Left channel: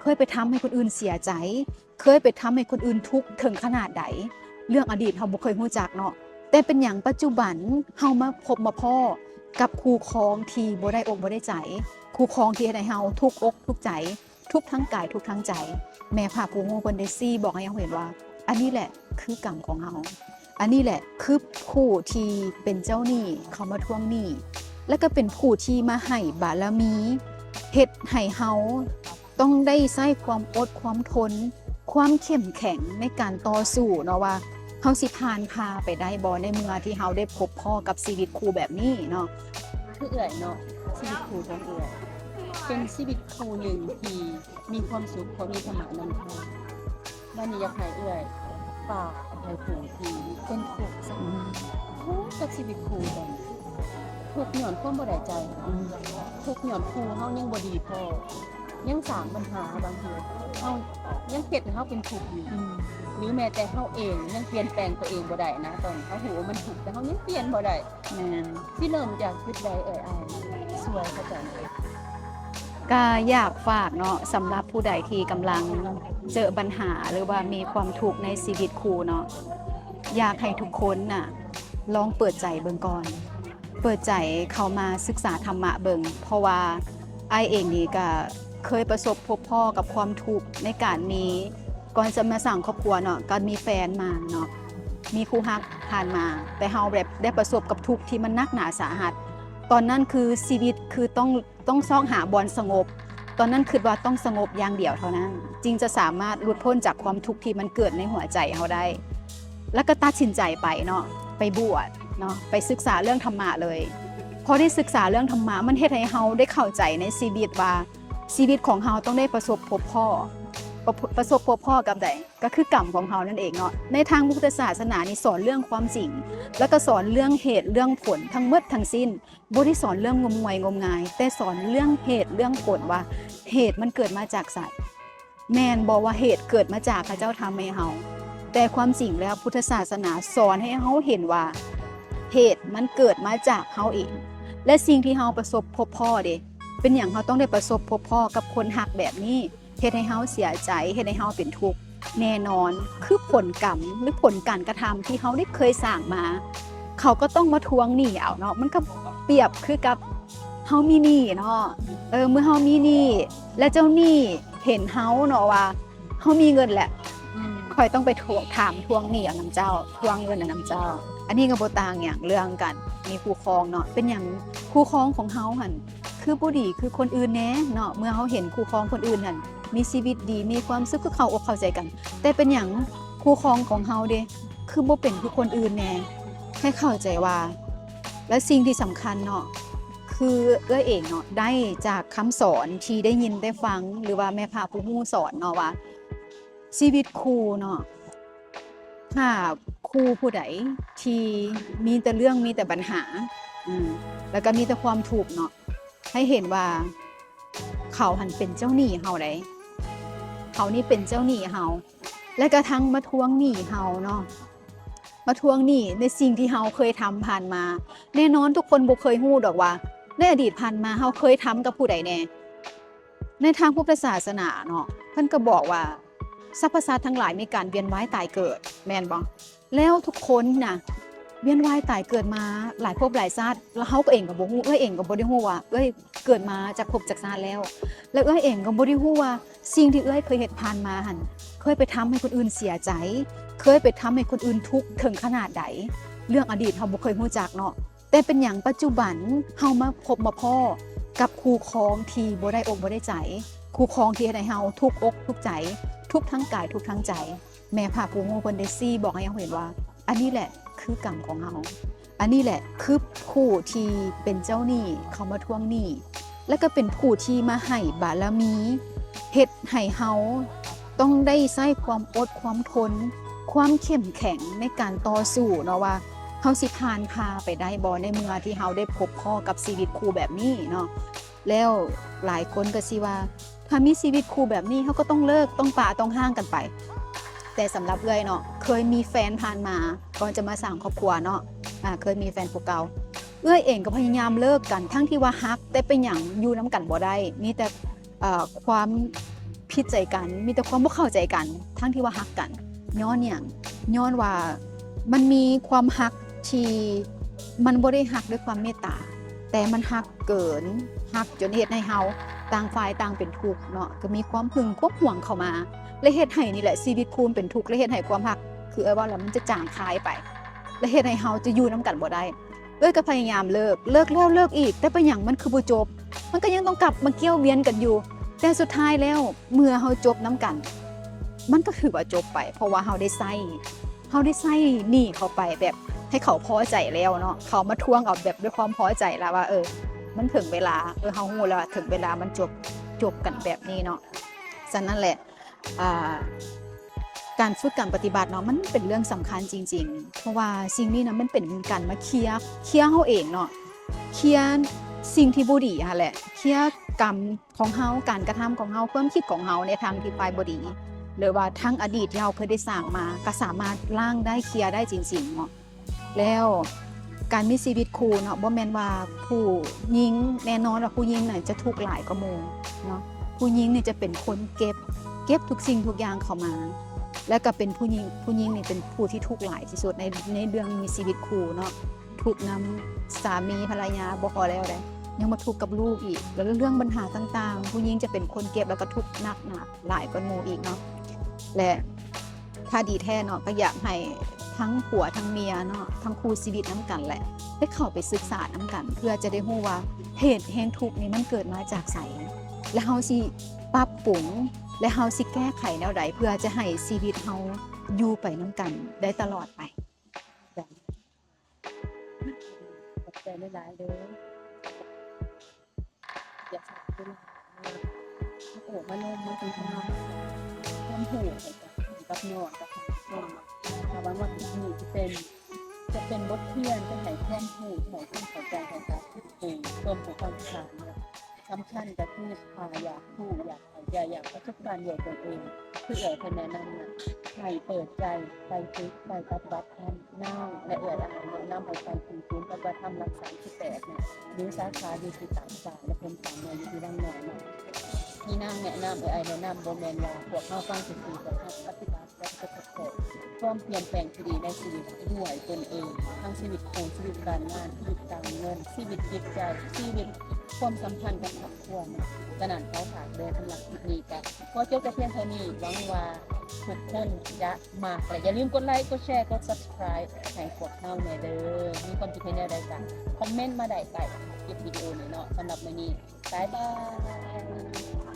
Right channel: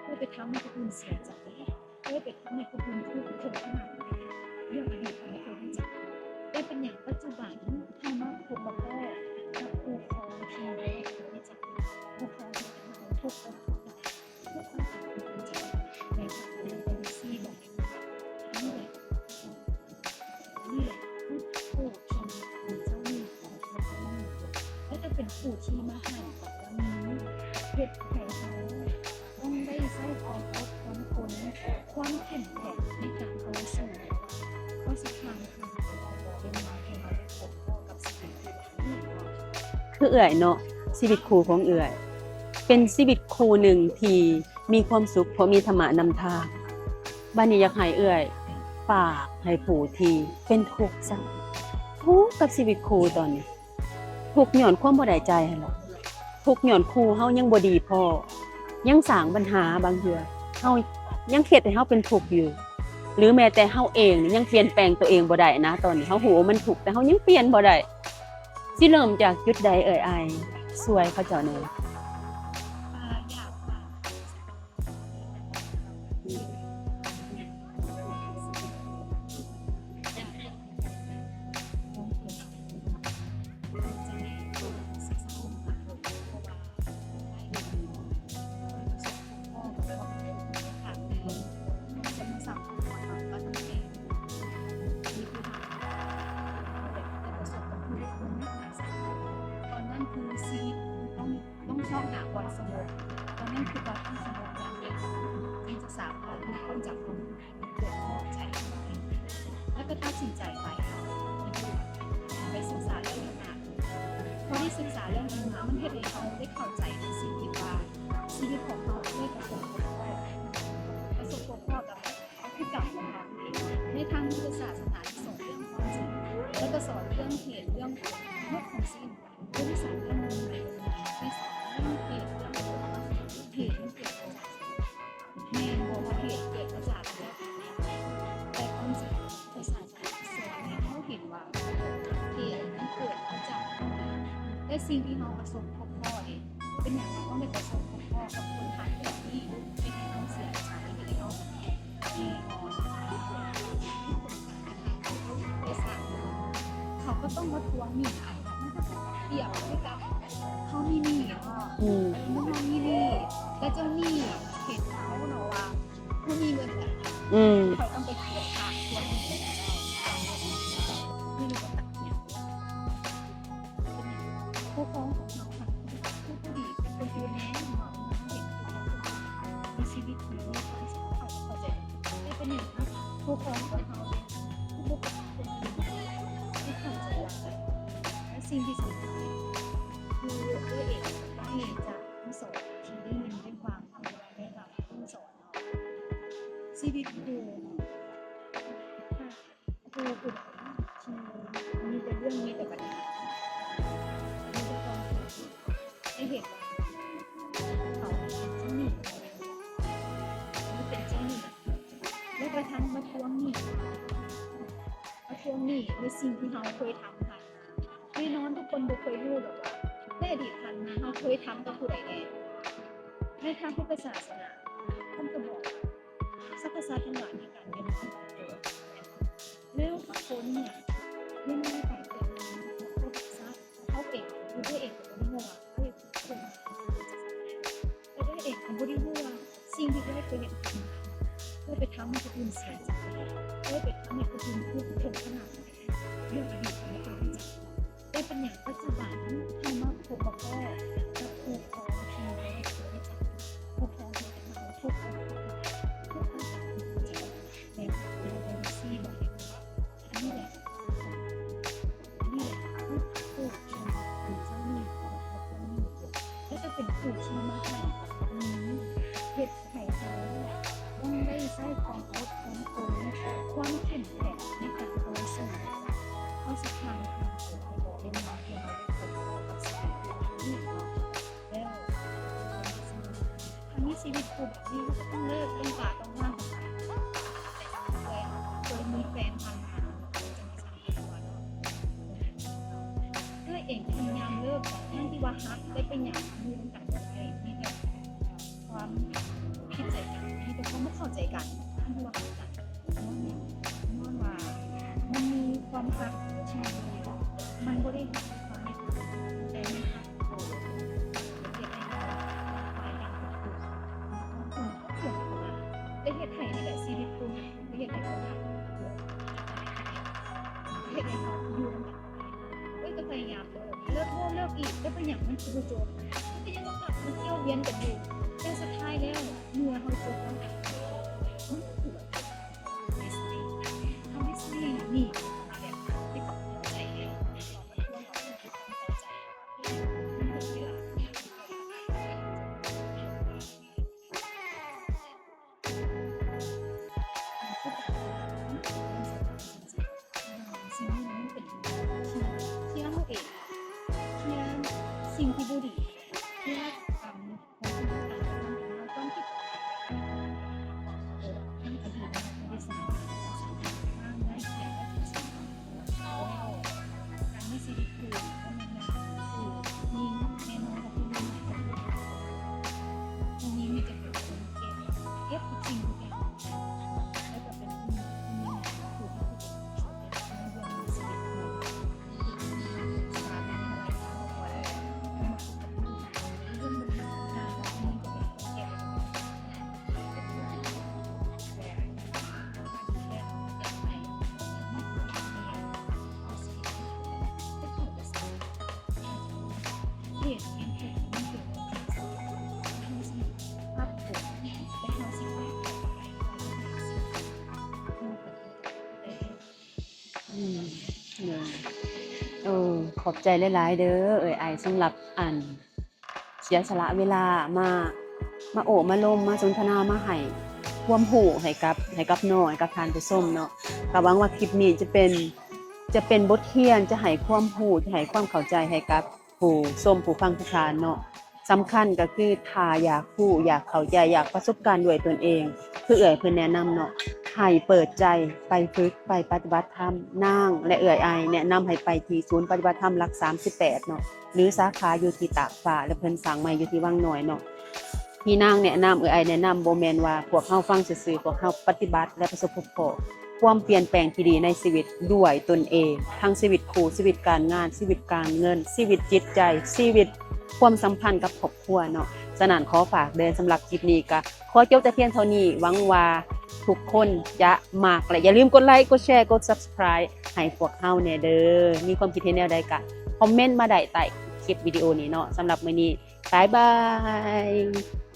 เคยไปทำให้คนอื่นเสียใจ เคยไปทำให้คนอื่นทุกข์ถึงขนาดใดเรื่องอดีตเราบ่เคยรู้จักเนาะแต่เป็นอย่างปัจจุบันเฮามาพบมาพ้อกับคู่ครองที่บ่ได้อกบ่ได้ใจคู่ครองที่เฮ็ดให้เฮาทุกอกทุกใจทุกทั้งกายทุกทั้งใจแม่พระผู้งูเพิ่นได้ซี่บอกให้เฮาเห็นว่าอันนี้แหละคือกรรมของเฮาอันนี้แหละคือผู้ที่เป็นเจ้าหนี้เขามาทวงหนี้แล้วก็เป็นผู้ที่มาให้บารมีเฮ็ดให้เฮาต้องได้ใช้ความอดความทนความเข้มแข็งในการต่อสู้เนาะว่าเฮาสิผ่านพาไปได้บ่ในเมื่อที่เฮาได้พบพ่อกับชีวิตคู่แบบนี้เนาะคือเอื่อยเนาะชีวิตครูของเอื่อยเป็นชีวิตครูหนึ่งที่มีความสุขเพราะมีธรรมะนำทางบัดนี้อยากให้เอื่อยฝากให้ผู้ที่เป็นทุกข์จังทุกข์กับชีวิตครูตอนนี้ทุกข์ย้อนความบ่ได้ใจหั้นเนาะทุกข์ย้อนครูเฮายังบ่ดีพอยังสร้างปัญหาบางเทื่อเฮายังเฮ็ดให้เฮาเป็นทุกข์อยู่หรือแม้แต่เฮาเองนี่ยังเปลี่ยนแปลงตัวเองบ่ได้นะตอนนี้เฮาฮู้ว่ามันทุกข์แต่เฮายังเปลี่ยนบ่ได้แม่น สิเริ่มจากจุดใดเอ่ยอายช่วยเขาเจ้าหน่อยก็อยากฝากเนาะสำหรับผู้ใดที่กำลังเจอปัญหาหรือว่ามีความทุกข์ในชีวิตคู่เนาะอยากให้ทุกคนน่ะลองเปิดใจเบิ่งก่อนเปิดใจเข้ามาศึกษาธรรมะเบิ่งเพราะว่าไอเองนี่ก็เคยประสบพบพ่อกับความทุกข์ในการมีก่อนจะมาสร้างครอบครัวเนาะก็มีแฟนมาเนาะมีคู่รักผ่านมาแต่เฮาแบบได้ประสบกับทุกข์ที่มันหนักหนาสาหัสตอนนั้นคือชีวิตคือต้องซ่องหาบอนสงบตอนนั้นคิดว่าต้องสงบอย่างเดียวเท่านั้นจึงจะสามารถหลุดพ้นจากความทุกข์ที่มันเกิดในหัวใจเฮาได้แล้วก็ตัดสินใจไปเนาะไปบวชเนาะไปศึกษาเรื่องธรรมะเลยพอได้ศึกษาเรื่องธรรมะมันเฮ็ดให้เฮาได้เข้าใจในชีวิตว่าชีวิตของเฮาต้องได้ประสบพบพ่อกับใดก็คือกรรมของเฮานั่นเองเนาะในทางพุทธศาสนานี่สอนเรื่องความจริงแล้วก็สอนเรื่องเหตุเรื่องผลทั้งหมดทั้งสิ้นบ่ได้สอนเรื่องงมงวยงมงายแต่สอนเรื่องเหตุเรื่องผลว่าเหตุมันเกิดมาจากสัตว์แม่นบ่ว่าเหตุเกิดมาจากพระเจ้าทำให้เฮาแต่ความจริงแล้วพุทธศาสนาสอนให้เฮาเห็นว่าเหตุมันเกิดมาจากเฮาเองและสิ่งที่เฮาประสบพบพ่อเด้เป็นอย่างเฮาต้องได้ประสบพบพ่อกับคนหักแบบนี้เฮ็ดให้เฮาเสียใจเฮ็ดให้เฮาเป็นทุกข์แน่นอนคือผลกรรมหรือผลการกระทำที่เฮาได้เคยสร้างมาเขาก็ต้องมาทวงหนี้เอาเนาะมันก็เปรียบคือกับเฮามีหนี้เนาะเมื่อเฮามีหนี้และเจ้าหนี้เห็นเฮาเนาะว่าเฮามีเงินแหละค่อยต้องไปถามทวงหนี้นำเจ้าทวงเงินนำเจ้าอันนี้ก็บ่ต่างอย่างเรื่องกันมีคู่ครองเนาะเป็นอย่างคู่ครองของเฮาหั่นคือบ่ดีคือคนอื่นแน่เนาะเมื่อเฮาเห็นคู่ครองคนอื่นหั่นมีชีวิตดีมีความสุขคือเข้าอกเข้าใจกันแต่เป็นอย่างคู่ครองของเฮาเด้คือบ่เป็นคือคนอื่นแน่ให้เข้าใจว่าและสิ่งที่สำคัญเนาะคือเองเนาะได้จากคำสอนที่ได้ยินได้ฟังหรือว่าแม่พระผู้รู้สอนเนาะว่าชีวิตคู่เนาะถ้าคู่ผู้ใดที่มีแต่เรื่องมีแต่ปัญหาแล้วก็มีแต่ความทุกข์เนาะให้เห็นว่าเขาหันเป็นเจ้าหนี้เฮาได้เขานี่เป็นเจ้าหนี้เฮาและกระทั่งมาทวงหนี้เฮาเนาะมาทวงหนี้ในสิ่งที่เฮาเคยทำผ่านมาแน่นอนทุกคนบ่เคยฮู้ดอกว่าในอดีตผ่านมาเฮาเคยทำกับผู้ใดแน่ในทางพุทธศาสนาเนาะเพิ่นก็บอกว่าสรรพสัตว์ทั้งหลายมีการเวียนว่ายตายเกิดแม่นบ่แล้วทุกคนน่ะเวียนว่ายตายเกิดมาหลายภพหลายชาติแล้วเฮาก็เองก็บ่ฮู้เองก็บ่ได้ฮู้ว่าเกิดมาจากภพจากชาติแล้วเองก็บ่ได้ฮู้ว่าสิ่งที่เคยเฮ็ดผ่านมาหั่นเคยไปทำให้คนอื่นเสียใจเคยไปทำให้คนอื่นทุกข์ถึงขนาดใดเรื่องอดีตเฮาบ่เคยฮู้จักเนาะแต่เป็นอย่างปัจจุบันเฮามาพบมาพ้อกับคู่ครองที่บ่ได้อกบ่ได้ใจคู่ครองที่เฮ็ดให้เฮาทุกอกทุกใจทุกทั้งกายทุกทั้งใจแม่พระผู้งูเพิ่นได้ซี่บอกให้เฮาเห็นว่าอันนี้แหละคือกรรมของเฮาอันนี้แหละคือผู้ที่เป็นเจ้าหนี้เขามาทวงหนี้แล้วก็เป็นผู้ที่มาให้บารมีเฮ็ดให้เฮาต้องได้ใช้ความอดความทนความเข้มแข็งในการต่อสู้เนาะว่าเฮาสิผ่านพาไปได้บ่ในเมื่อที่เฮาได้พบพ่อกับชีวิตคู่แบบนี้เนาะแล้วหลายคนก็สิว่าถ้ามีชีวิตคู่แบบนี้เฮาก็ต้องเลิกต้องปะต้องห่างกันไปแต่สำหรับเนาะเคยมีแฟนผ่านมาก่อนจะมาสร้างครอบครัวเนาะเคยมีแฟนผู้เก่าเองก็พยายามเลิกกันทั้งที่ว่าฮักแต่เป็นหยังอยู่น้ำกันบ่ได้มีแต่ความ ผิดใจกันมีแต่ความบ่เข้าใจกันทั้งที่ว่าฮักกันย้อนหยังย้อนว่ามันมีความฮักที่มันบ่ได้ฮักด้วยความเมตตาแต่มันฮักเกินฮักจนเฮ็ดให้เฮาต่างฝ่ายต่างเป็นทุกข์เนาะก็มีความหึงความหวงเข้ามาและเฮ็ดให้นี่แหละชีวิตคู่เป็นทุกข์และเฮ็ดให้ความฮักคือว่าแล้วมันจะจางคายไปและเฮ็ดให้เฮาจะอยู่นํกันบ่ได้ก็พยายามเลิกแล้วเลิกอีกแต่เป็นหยังมันคือบ่จบมันก็ยังต้องกลับมาเกี่ยวเวียนกันอยู่แต่สุดท้ายแล้วเมื่อเฮาจบนํกันมันก็ถือว่าจบไปเพราะว่าเฮาได้ใส่หนี้เข้าไปแบบให้เขาพอใจแล้วเนาะเขามาทวงเอาแบบด้วยความพอใจแล้วว่ามันถึงเวลาเฮาฮู้แล้วว่าถึงเวลามันจบกันแบบนี้เนาะฉะนั้นแหละการฝึกการปฏิบัติเนาะมันเป็นเรื่องสำคัญจริงๆเพราะว่าสิ่งนี้นะมันเป็นการมาเคลียร์เฮาเองเนาะเคลียร์สิ่งที่บ่ดีหั่นแหละเคลียร์กรรมของเฮาการกระทำของเฮาความคิดของเฮาในทางที่ฝ่ายบ่ดีหรือว่าทั้งอดีตเราเคยได้สร้างมาก็สามารถล้างได้เคลียร์ได้จริงๆเนาะแล้วการมีชีวิตคู่เนาะบ่แม่นว่าผู้หญิงแน่นอนว่าผู้หญิงน่ะจะทุกข์หลายกว่าหมู่เนาะผู้หญิงนี่จะเป็นคนเก็บทุกสิ่งทุกอย่างเข้ามาแล้วก็เป็นผู้หญิงนี่เป็นผู้ที่ทุกข์หลายที่สุดในเรื่องมีชีวิตคู่เนาะทุกข์นำสามีภรรยาบ่พอแล้วเลยยังมาทุกข์กับลูกอีกแล้วเรื่องปัญหาต่างๆผู้หญิงจะเป็นคนเก็บแล้วก็ทุกข์หนักหลายกว่าหมู่อีกเนาะและถ้าดีแท้เนาะก็อยากให้ทั้งผัวทั้งเมียเนาะทั้งคู่ชีวิตนำกันแหละได้เข้าไปศึกษานำกันเพื่อจะได้รู้ว่าเหตุแห่งทุกข์นี้มันเกิดมาจากไสและเฮาสิปรับปรุงและเฮาสิแก้ไขแนวใดเพื่อจะให้ชีวิตเฮาอยู่ไปนำกันได้ตลอดไปขอบใจหลายๆเด้อไอสำหรับเสียสละเวลามาโอบมาลมมาสนทนามาให้ความรู้ให้กับน้องให้กับท่านผู้ชมเนาะก็หวังว่าคลิปนี้จะเป็นบทเรียนจะให้ความรู้จะให้ความเข้าใจให้กับผู้ชมผู้ฟังทุกท่านเนาะสำคัญก็คือถ้าอยากรู้อยากเข้าใจอยากประสบการณ์ด้วยตนเองคือเพิ่นแนะนำเนาะให้เปิดใจไปฝึกไปปฏิบัติธรรมนางและอายแนะนำให้ไปที่ศูนย์ปฏิบัติธรรมหลัก38เนาะหรือสาขาอยู่ที่ตากฟ้าและเพิ่นสร้างใหม่อยู่ที่วังน้อยเนาะที่นางแนะนำอายแนะนำบ่แม่นว่าพวกเฮาฟังซื่อๆพวกเฮาปฏิบัติและประสบพบความเปลี่ยนแปลงที่ดีในชีวิตด้วยตนเองทั้งชีวิตคู่ชีวิตการงานชีวิตการเงินชีวิตจิตใจชีวิตความสัมพันธ์กับครอบครัวเนาะฉะนั้นขอฝากเดินสำหรับคลิปนี้ก็ขอจบแต่เพียงเท่านี้หวังว่าทุกคนจะมากและอย่าลืมกดไลค์กดแชร์กด Subscribe ให้พวกเฮาแน่เด้อมีความคิดเห็นแนวใดก็คอมเมนต์มาได้ใต้คลิปวิดีโอนี้เนาะสำหรับมื้อนี้บ๊ายบาย